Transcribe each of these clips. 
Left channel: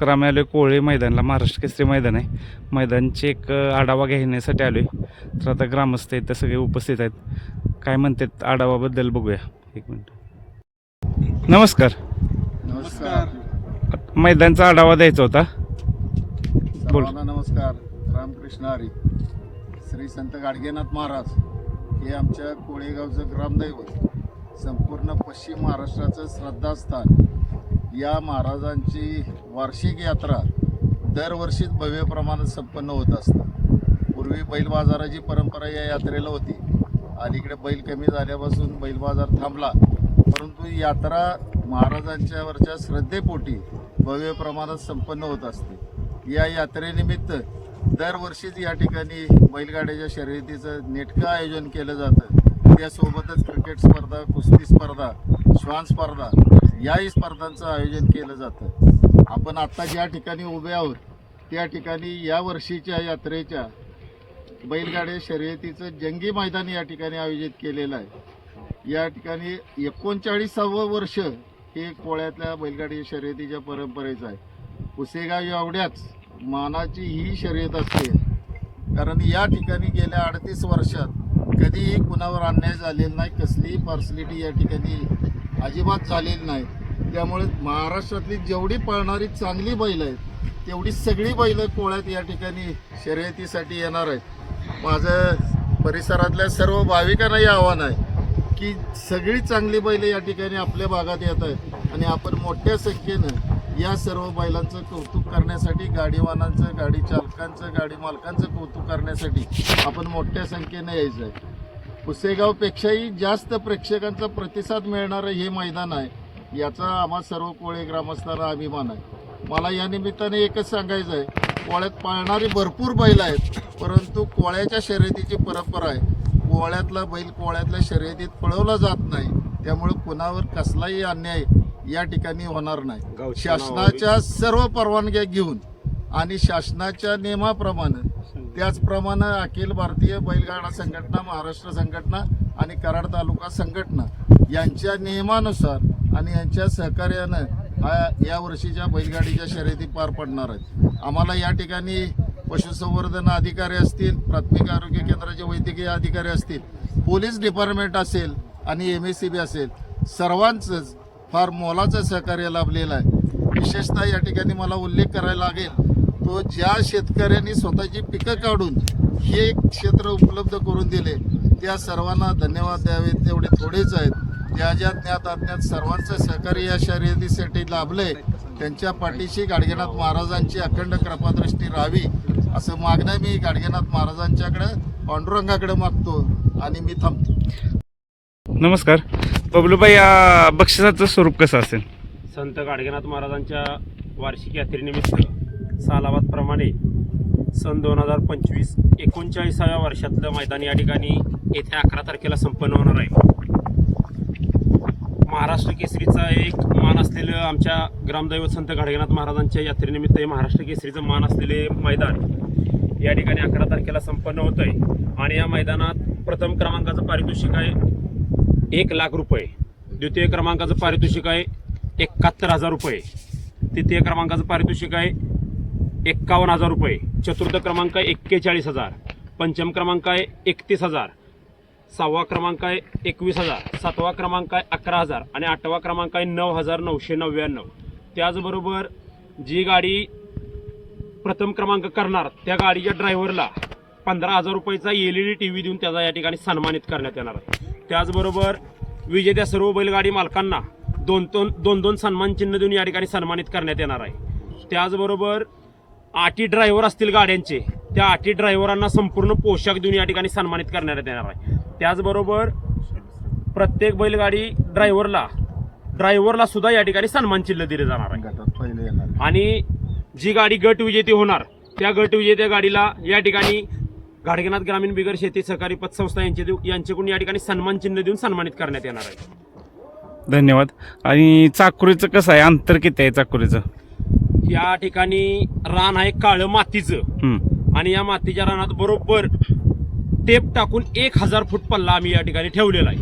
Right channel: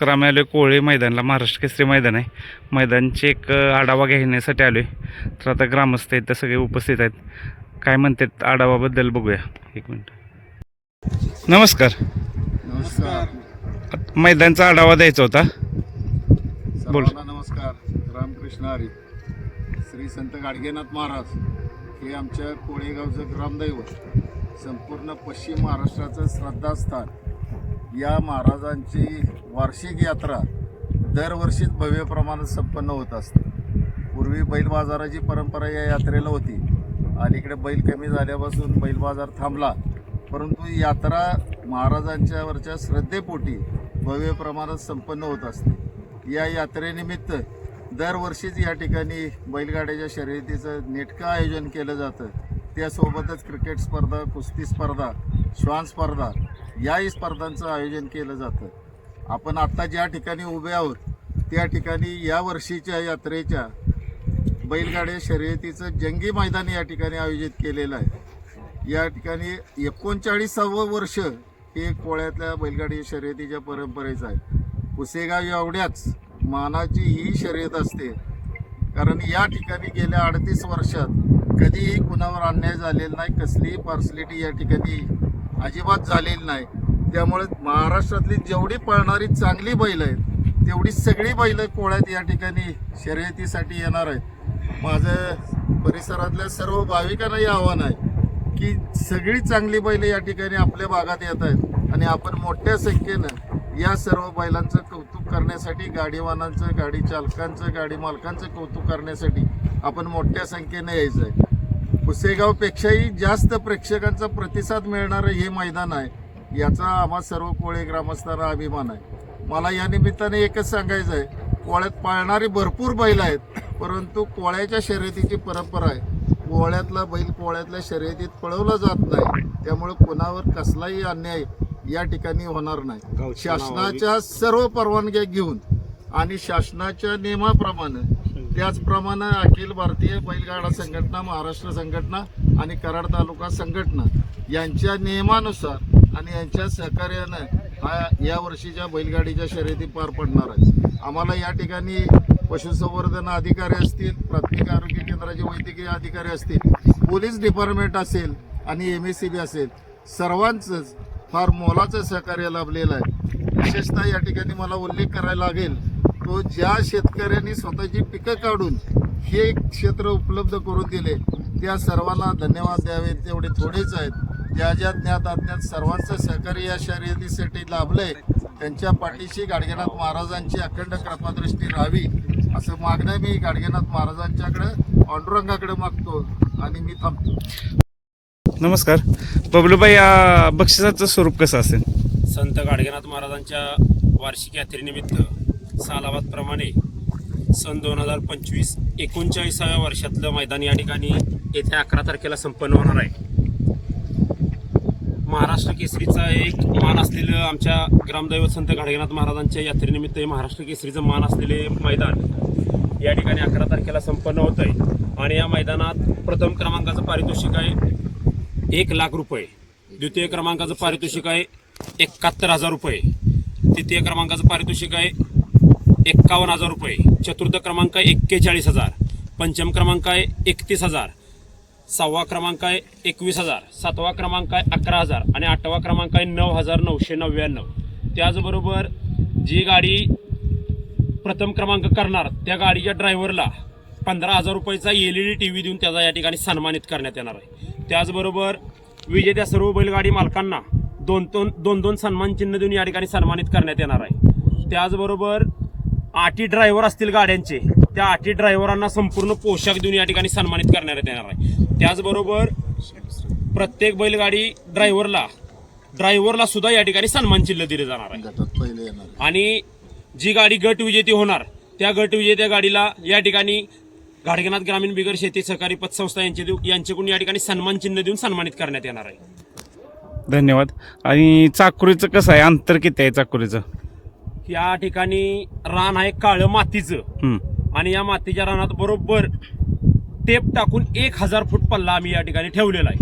नमस्कार. आम्ही आलो कोळे मैदानला. महाराष्ट्र केसरी मैदान आहे. मैदानचे एक आढावा घेण्यासाठी आलो आहे. तर आता ग्रामस्थ आहेत, तर सगळे उपस्थित आहेत. काय म्हणतात आढावाबद्दल बघूया. एक मिनिट. नमस्कार. नमस्कार. मैदानचा आढावा द्यायचा होता. बोल. सर्वांना नमस्कार. रामकृष्ण हरी. श्री संत गाडगेनाथ महाराज हे आमच्या कोळेगावचं ग्रामदैवत, संपूर्ण पश्चिम महाराष्ट्राचं श्रद्धास्थान. या महाराजांची वार्षिक यात्रा दरवर्षीच भव्य प्रमाणात संपन्न होत असते. पूर्वी बैल बाजाराची परंपरा या यात्रेला होती. अलीकडे बैल कमी झाल्यापासून बैल बाजार थांबला, परंतु यात्रा महाराजांच्यावरच्या श्रद्धेपोटी भव्य प्रमाणात संपन्न होत असते. या यात्रेनिमित्त दरवर्षीच या ठिकाणी बैलगाड्याच्या शर्यतीचं नेटकं आयोजन केलं जातं. त्यासोबतच क्रिकेट स्पर्धा, कुस्ती स्पर्धा, श्वान स्पर्धा याही स्पर्धांचं आयोजन केलं जातं. आपण आत्ता ज्या ठिकाणी उभे आहोत त्या ठिकाणी या वर्षीच्या यात्रेच्या बैलगाड्या शर्यतीचं जंगी मैदान या ठिकाणी आयोजित केलेलं आहे. या ठिकाणी 39वं वर्ष हे कोळ्यातल्या बैलगाडी शर्यतीच्या परंपरेचं आहे. पुसेगाव एवढ्याच मानाची ही शर्यत असते, कारण या ठिकाणी गेल्या 38 वर्षात कधीही कुणावर अन्याय झालेला नाही, कसलीही पार्सलिटी या ठिकाणी अजिबात झालेली नाही. त्यामुळे महाराष्ट्रातली जेवढी पळणारी चांगली बैल आहेत तेवढी सगळी बैल कोळ्यात या ठिकाणी शर्यतीसाठी येणार आहे. माझं परिसरातल्या सर्व भाविकांनाही आव्हान आहे की सगळी चांगली बैल या ठिकाणी आपल्या भागात येत आहेत आणि आपण मोठ्या संख्येनं या सर्व बैलांचं कौतुक करण्यासाठी, गाडीवानांचं, गाडी चालकांचं, गाडी मालकांचं कौतुक करण्यासाठी आपण मोठ्या संख्येनं यायचं आहे. पुसेगावपेक्षाही जास्त प्रेक्षकांचा प्रतिसाद मिळणारं हे मैदान आहे, याचा आम्हा सर्व कोळे ग्रामस्थांना अभिमान आहे. मला या निमित्ताने एकच सांगायचं आहे, कोळ्यात पाळणारी भरपूर बैल आहेत, परंतु कोळ्याच्या शर्यतीची परंपरा आहे. कोळ्यातला बैल कोळ्यातल्या शर्यतीत पळवला जात नाही, त्यामुळे कोणावर कसलाही अन्याय या ठिकाणी होणार नाही. शासनाच्या सर्व परवानग्या घेऊन आणि शासनाच्या नियमाप्रमाणे, त्याचप्रमाणे अखिल भारतीय बैलगाडा संघटना, महाराष्ट्र संघटना आणि कराड तालुका संघटना यांच्या नियमानुसार आणि यांच्या सहकार्यानं या वर्षीच्या बैलगाडीच्या शर्यती पार पडणार आहेत. आम्हाला या ठिकाणी पशुसंवर्धन अधिकारी असतील, प्राथमिक आरोग्य केंद्राचे वैद्यकीय अधिकारी असतील, पोलीस डिपार्टमेंट असेल आणि MSCB असेल, सर्वांचंच फार मोलाचं सहकार्य लाभलेलं आहे. विशेषतः या ठिकाणी मला उल्लेख करायला लागेल तो, ज्या शेतकऱ्यांनी स्वतःची पिकं काढून हे क्षेत्र उपलब्ध करून दिले त्या सर्वांना धन्यवाद द्यावे, तेवढे थोडेच आहेत. ज्या ज्या ज्ञात अज्ञात सर्वांचं सहकार्य या शर्यतीसाठी लाभलंय, त्यांच्या पाठीशी गाडगेनाथ महाराजांची अखंड कृपादृष्टी राहावी असं मागणं मी गाडगेनाथ महाराजांच्याकडे, पांडुरंगाकडे मागतो आणि मी थांबतो. नमस्कार. बबलूबाई, या बक्षिसाचं स्वरूप कसं असेल? संत गाडगेनाथ महाराजांच्या वार्षिक यात्रेनिमित्त सालाबादप्रमाणे सन 2025 39व्या वर्षातलं मैदान या ठिकाणी येत्या 11 तारखेला संपन्न होणार आहे. महाराष्ट्र केसरीचा एक मान असलेलं, आमच्या ग्रामदैवत संत गाडगेनाथ महाराजांच्या यात्रेनिमित्त हे महाराष्ट्र केसरीचं मान असलेले मैदान या ठिकाणी 11 तारखेला संपन्न होत आहे. आणि या मैदानात प्रथम क्रमांकाचं पारितोषिक आहे 1 लाख रुपये, द्वितीय क्रमांकाचं पारितोषिक आहे 71,000 रुपये, तृतीय क्रमांकाचं पारितोषिक आहे 51,000 रुपये, चतुर्थ क्रमांक आहे 41,000, पंचम क्रमांक आहे 31,000, 6वा क्रमांक आहे 21,000, 7वा क्रमांक आहे 11,000 आणि 8वा क्रमांक आहे 9,999. त्याचबरोबर जी गाडी प्रथम क्रमांक करणार त्या गाडीच्या ड्रायव्हरला 15,000 रुपयाचा LED TV देऊन त्याचा या ठिकाणी सन्मानित करण्यात येणार आहे. त्याचबरोबर विजेत्या सर्व बैलगाडी मालकांना दोन सन्मान चिन्ह देऊन या ठिकाणी सन्मानित करण्यात येणार आहे. त्याचबरोबर 8 ड्रायव्हर असतील गाड्यांचे, त्या 8 ड्रायव्हरांना संपूर्ण पोशाख देऊन या ठिकाणी सन्मानित करण्यात येणार आहे. त्याचबरोबर प्रत्येक बैलगाडी ड्रायव्हरला सुद्धा या ठिकाणी सन्मान चिन्ह दिले जाणार आहे. आणि जी गाडी गट विजेती होणार त्या गट विजेत्या गाडीला या ठिकाणी गाडगेनाथ ग्रामीण बिगर शेती सहकारी पतसंस्था यांच्याकडून या ठिकाणी सन्मान चिन्ह देऊन सन्मानित करण्यात येणार आहे. धन्यवाद. आणि चाकुरीचं कसं आहे, अंतर किती आहे चाकुरीचं? या ठिकाणी रान आहे काळं मातीचं आणि या मातीच्या रानात बरोबर टेप टाकून 1000 फूट पल्ला आम्ही या ठिकाणी ठेवलेला आहे.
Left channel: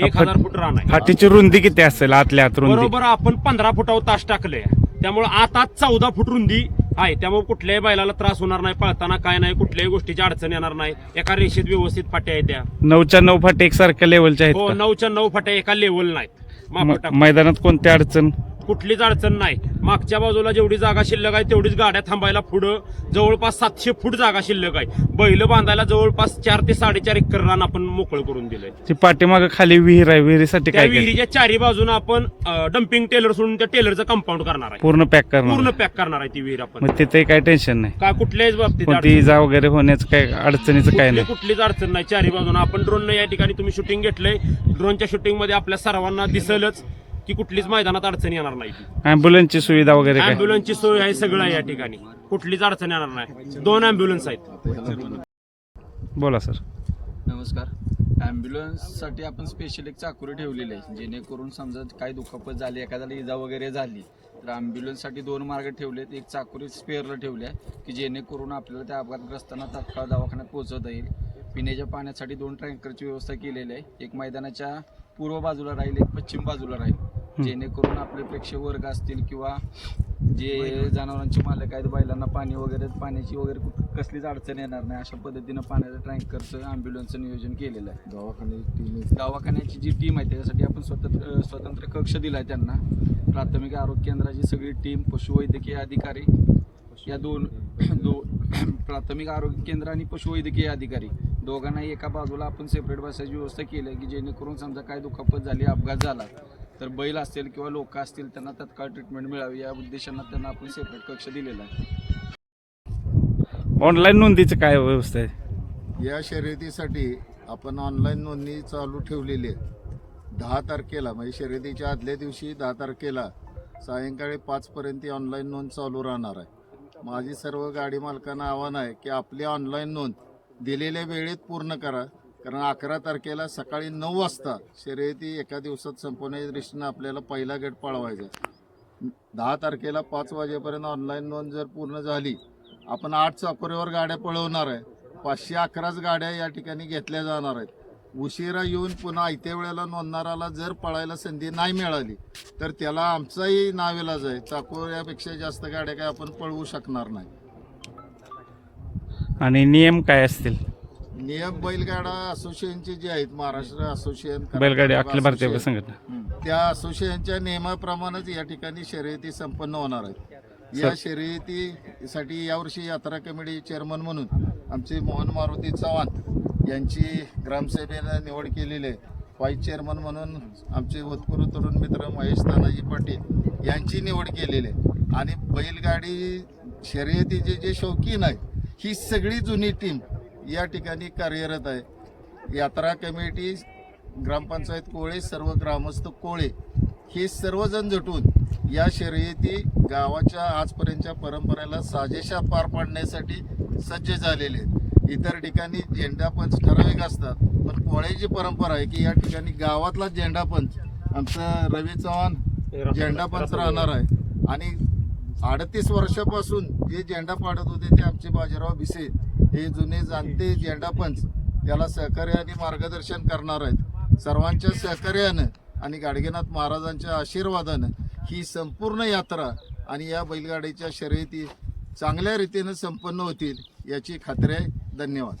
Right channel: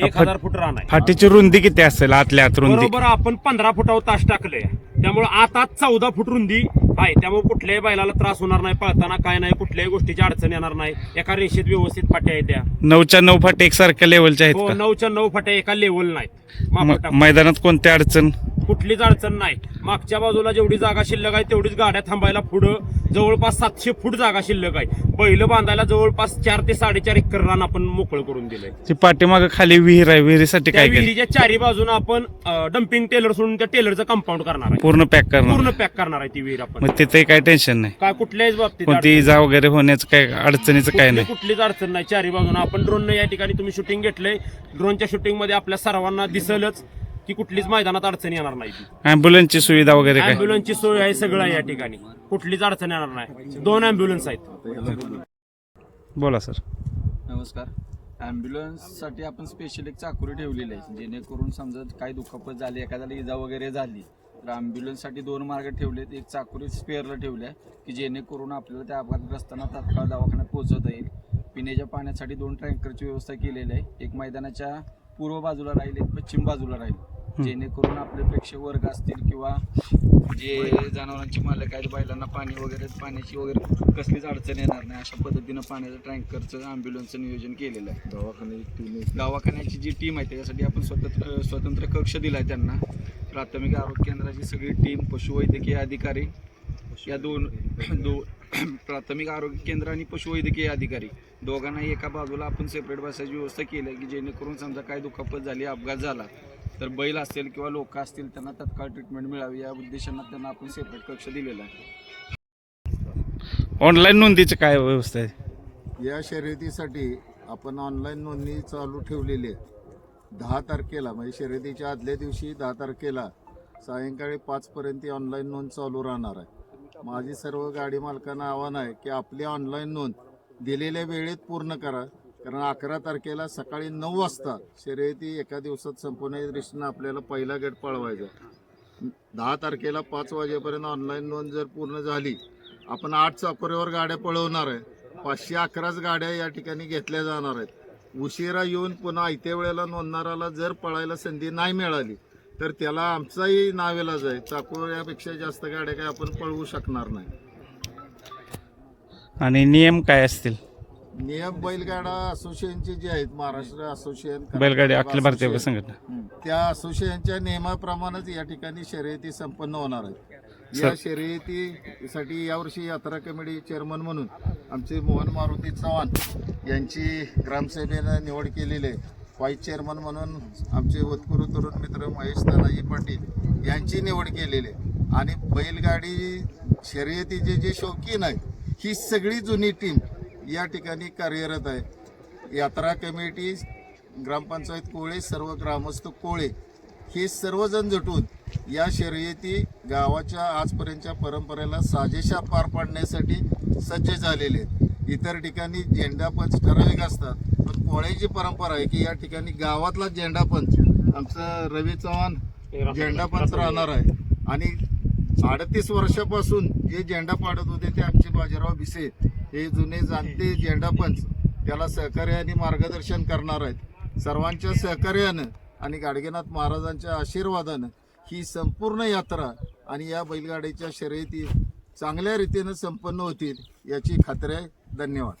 1000 फूट रान आहे. फाटीची रुंदी किती असेल आतल्या आत रुंदी? बरोबर आपण 15 फुटावर तास टाकले त्यामुळे आता 14 फूट रुंदी आहे. त्यामुळे कुठल्याही बैलाला त्रास होणार नाही, पळताना काय नाही, कुठल्याही गोष्टीची अडचण येणार नाही. एका रेषेत व्यवस्थित फाट्या आहेत त्या. 9च्या 9 फाटे एकसारख्या लेवलच्या आहेत हो, का? 9च्या 9 फाट्या एका लेवल नाहीत. मापं टाकून. मैदानात कोणत्या अडचण? कुठलीच अडचण नाही. मागच्या बाजूला जेवढी जागा शिल्लक आहे तेवढीच गाड्या थांबायला पुढं जवळपास 700 फूट जागा शिल्लक आहे. बैल बांधायला जवळपास 4 ते 4.5 एकर रान आपण मोकळं करून दिलंय. ती पाठीमागं खाली विहीर आहे, विहिरीसाठी त्या काय केलं? विहिरीच्या चारी बाजूला आपण डम्पिंग टेलर सोडून त्या टेलरचं कंपाऊंड करणार आहे. पूर्ण पॅक करणार? पूर्ण पॅक करणार आहे ती विहीर आपण. मग तिथे काही टेन्शन नाही, काय कुठल्याच बाबतीत कोणती इजा वगैरे होण्याचं काय अडचणीचं काय नाही? कुठलीच अडचण नाही. चारी बाजूला आपण ड्रोन या ठिकाणी तुम्ही शूटिंग घेतलंय. ड्रोनच्या शूटिंग मध्ये आपल्या सर्वांना दिसलंच की कुठलीच मैदानात अडचण येणार नाही. ॲम्ब्युलन्सची सुविधा वगैरे काय? अँब्युलन्सची सोय आहे, सगळं आहे या ठिकाणी. कुठलीच अडचण येणार नाही. 2 अँब्युलन्स आहेत. बोला सर. नमस्कार. ॲम्ब्युलन्ससाठी आपण स्पेशल एक चाकुरी ठेवलेली आहे, जेणेकरून समजा काही दुखापत झाली, एखाद्याला इजा वगैरे झाली तर ॲम्ब्युलन्ससाठी 2 मार्ग ठेवलेत. एक चाकुरी स्पेअरला ठेवली आहे की जेणेकरून आपल्याला त्या अपघातग्रस्तांना तात्काळ दवाखान्यात पोहोचवता येईल. पिण्याच्या पाण्यासाठी 2 टँकरची व्यवस्था केलेली आहे. एक मैदानाच्या पूर्व बाजूला राहील, एक पश्चिम बाजूला राहील, जेणेकरून आपले प्रेक्षक वर्ग असतील किंवा जे जनावरांचे मालक आहेत बैलांना पाणी वगैरे, पाण्याची वगैरे कसलीच अडचण येणार नाही अशा पद्धतीनं पाण्याचं टँकरचं ॲम्ब्युलन्सचं नियोजन केलेलं आहे. दवाखान्याची जी टीम आहे त्याच्यासाठी आपण स्वतंत्र कक्ष दिला आहे त्यांना. प्राथमिक आरोग्य केंद्राची सगळी टीम, पशुवैद्यकीय अधिकारी या दोन प्राथमिक आरोग्य केंद्र आणि पशुवैद्यकीय अधिकारी दोघांनाही एका बाजूला आपण सेपरेट बसायची व्यवस्था केली आहे की जेणेकरून समजा काय दुखापत झाली, अपघात झाला तर बैल असेल किंवा लोक असतील त्यांना तत्काळ ट्रीटमेंट मिळावी या उद्देशानं त्यांना आपण सेपरेट कक्ष दिलेला आहे. ऑनलाईन नोंदीची काय व्यवस्था आहे? या शर्यतीसाठी आपण ऑनलाईन नोंदणी चालू ठेवलेली आहे. 10 तारखेला म्हणजे शर्यतीच्या आदल्या दिवशी 10 तारखेला सायंकाळी 5पर्यंत ऑनलाईन नोंद चालू राहणार आहे. माझी सर्व गाडी मालकांना आव्हान आहे की आपली ऑनलाईन नोंद दिलेल्या वेळेत पूर्ण करा, कारण 11 तारखेला सकाळी 9 वाजता शर्यती एका दिवसात संपवण्याच्या दृष्टीनं आपल्याला पहिला गट पळवायचा आहे. 10 तारखेला 5 वाजेपर्यंत ऑनलाईन नोंद जर पूर्ण झाली, आपण 8 चाकोरीवर गाड्या पळवणार आहे. 511च गाड्या या ठिकाणी घेतल्या जाणार आहेत. उशिरा येऊन पुन्हा आयत्या वेळेला नोंदणाराला जर पळायला संधी नाही मिळाली तर त्याला आमचाही नावेलाज आहे. चाकोऱ्यापेक्षा जास्त गाड्या काय आपण पळवू शकणार नाही. आणि नियम काय असतील? नियम बैलगाडा असोसिएशनचे जे आहेत, महाराष्ट्र असोसिएशन, बैलगाडी अखिल भारतीय संघटना, त्या असोसिएशनच्या नियमाप्रमाणेच या ठिकाणी शर्यती संपन्न होणार आहेत. या शर्यतीसाठी यावर्षी यात्रा कमिटी चेअरमन म्हणून आमचे मोहन मारुती चव्हाण यांची ग्रामसभेनं निवड केलेली आहे. व्हाईस चेअरमन म्हणून आमचे होतकरू तरुण मित्र महेश तानाजी पाटील यांची निवड केलेली आहे. आणि बैलगाडी शर्यतीचे जे शौकीन आहेत ही सगळी जुनी टीम या ठिकाणी कार्यरत आहे. यात्रा कमिटी, ग्रामपंचायत कोळे, सर्व ग्रामस्थ कोळे हे सर्वजण जुटून या शर्यती गावाच्या आजपर्यंतच्या परंपरेला साजेशा पार पाडण्यासाठी सज्ज झालेले आहेत. इतर ठिकाणी झेंडापंच ठराविक असतात, पण कोळ्याची परंपरा आहे की या ठिकाणी गावातला झेंडापंच आमचं रवी चव्हाण झेंडापंच राहणार आहे. आणि 38 वर्षापासून जे झेंडा पाडत होते ते आमचे बाजीराव भिसे हे जुने जाणते झेंडापंच त्याला सहकार्य आणि मार्गदर्शन करणार आहेत. सर्वांच्या सहकार्यानं आणि गाडगेनाथ महाराजांच्या आशीर्वादानं ही संपूर्ण यात्रा आणि या बैलगाडीच्या शर्यती चांगल्या रीतीनं संपन्न होतील याची खात्री आहे. धन्यवाद.